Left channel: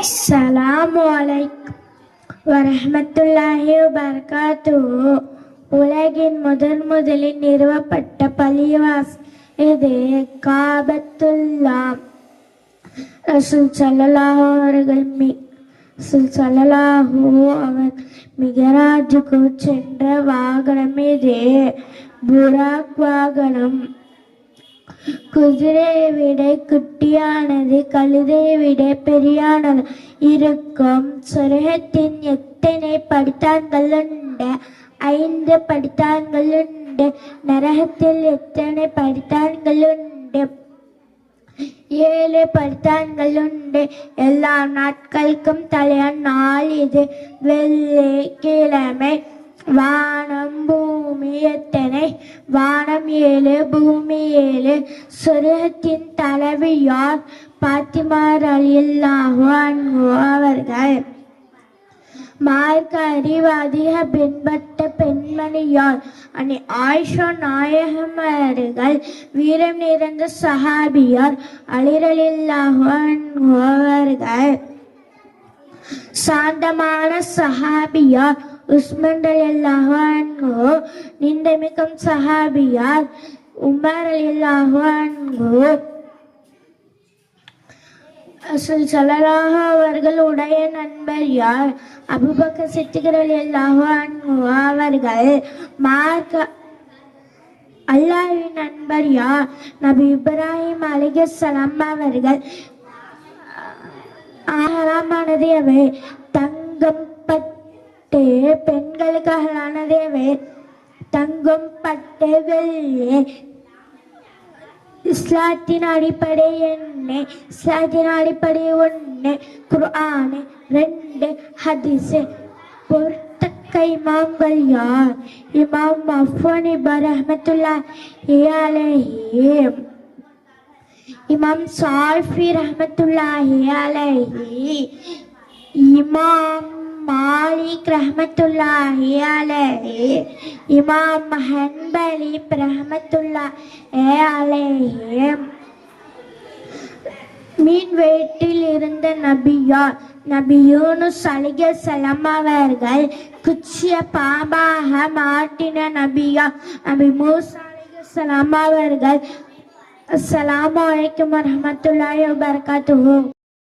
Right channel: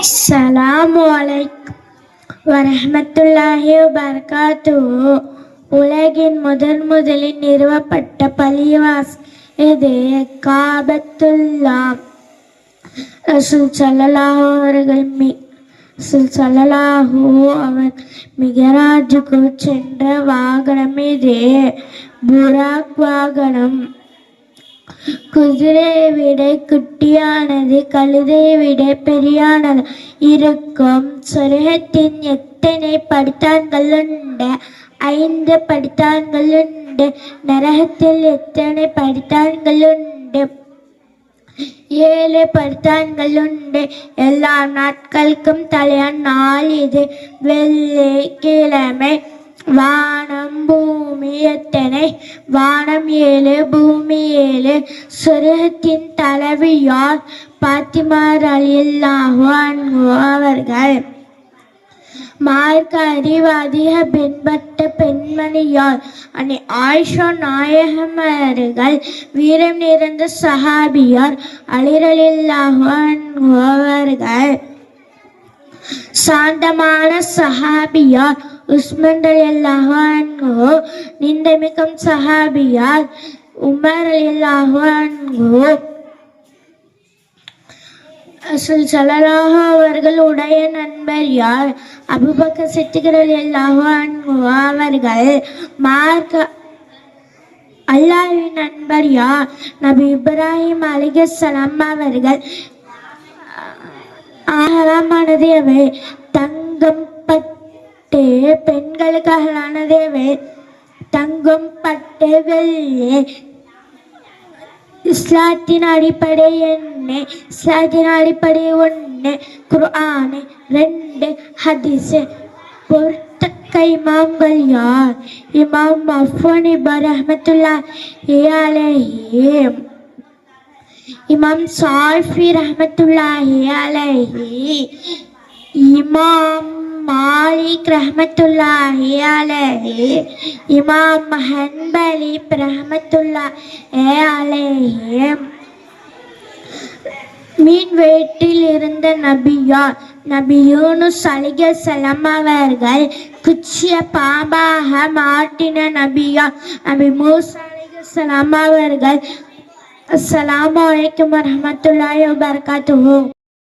அஸ்ஸலாமு அலைக்கும் வரஹ்மத்துல்லாஹி வபரகாத்துஹு. உலகின் முதலில் நிறுவப்பட்ட பள்ளிவாசல் இது காபத்துல்லா. ரசூல் ஸல்லல்லாஹு அவர்கள் மிகராஜுக்கு சென்ற வாகனம் இது புராக் வாகனம். குதிரையை விட குட்டியானது, கழுதையை விட பெரியானது இருக்கும். சொர்க்கத்தின் எத்தனை படித்தான்கள் உண்டு? 5 படித்தான்கள் உண்டு. நரகத்தில் எத்தனை படித்தான்கள் உண்டு? 7 படித்தான்கள் உண்டு. எல்லா நாட்களுக்கும் தலையான நாள் இது வெள்ளிக்கிழமை. வானம் பூமி எத்தனை? வானம் 7, பூமி 7. சொர்க்கத்தின் தலைவி யார்? பாத்திமா ரலியல்லாஹு அன்ஹா அவர்கள். மார்க்க அறிவாதிக பின்பற்ற பெண்மணி யார்? அன்னை ஆயிஷா நாயகம் அவர்கள். வீரம் நிறைந்த சஹாபியார் அலி ரலியல்லாஹு அன்ஹு அவர்கள். சாந்தமான சஹாபியார் உஸ்மான் ரலியல்லாஹு அன்ஹு. நிந்தமிக்கும் சஹாபியார் உமர் ரலியல்லாஹு அன்ஹு. ரசூல் ஸல்லல்லாஹு அவர்களுடைய நண்பர் யார்? அபூபக்கர் சித்திக் ரலியல்லாஹு அன்ஹு அவர்கள். மார்க்க அல்லாஹ்வின் நண்பர் யார்? நபி இப்ராஹிம் அலைஹிஸ்ஸலாம் அவர்கள். ஆகமானது எவை? தங்கம் பட்டு. பெண்களுக்கு அகலானது எவை? தங்கம் பட்டு வெள்ளி. இஸ்லாத்தின் அடிப்படை என்ன? இஸ்லாத்தின் அடிப்படை 1 குர்ஆன், 2 ஹதீஸ். பொறுத்தக்க இமாம்கள் யார்? இமாம் அஃபனி ரஹ்மத்துல்லாஹி அலைஹி, இமாம் ஷாஃபி ரஹ்மத்துல்லாஹி அலைஹி, இமாம் மாலிக் ரஹ்மத்துல்லாஹி அலைஹி, இமாம் ஹன்பலி ரஹ்மத்துல்லாஹி அலைஹி. மீன் வயிற்றில் இருந்த நபி யார்? நபி யூனுஸ் அலைஹிஸ்ஸலாம் அவர்கள். குச்சிய பாம்பாக மாட்டின நபி யார்? நபி மூசா அலைஹிஸ்ஸலாம் அவர்கள். அஸ்ஸலாமு அலைக்கும் வரஹ்மத்துல்லாஹி வபரகாத்துஹு.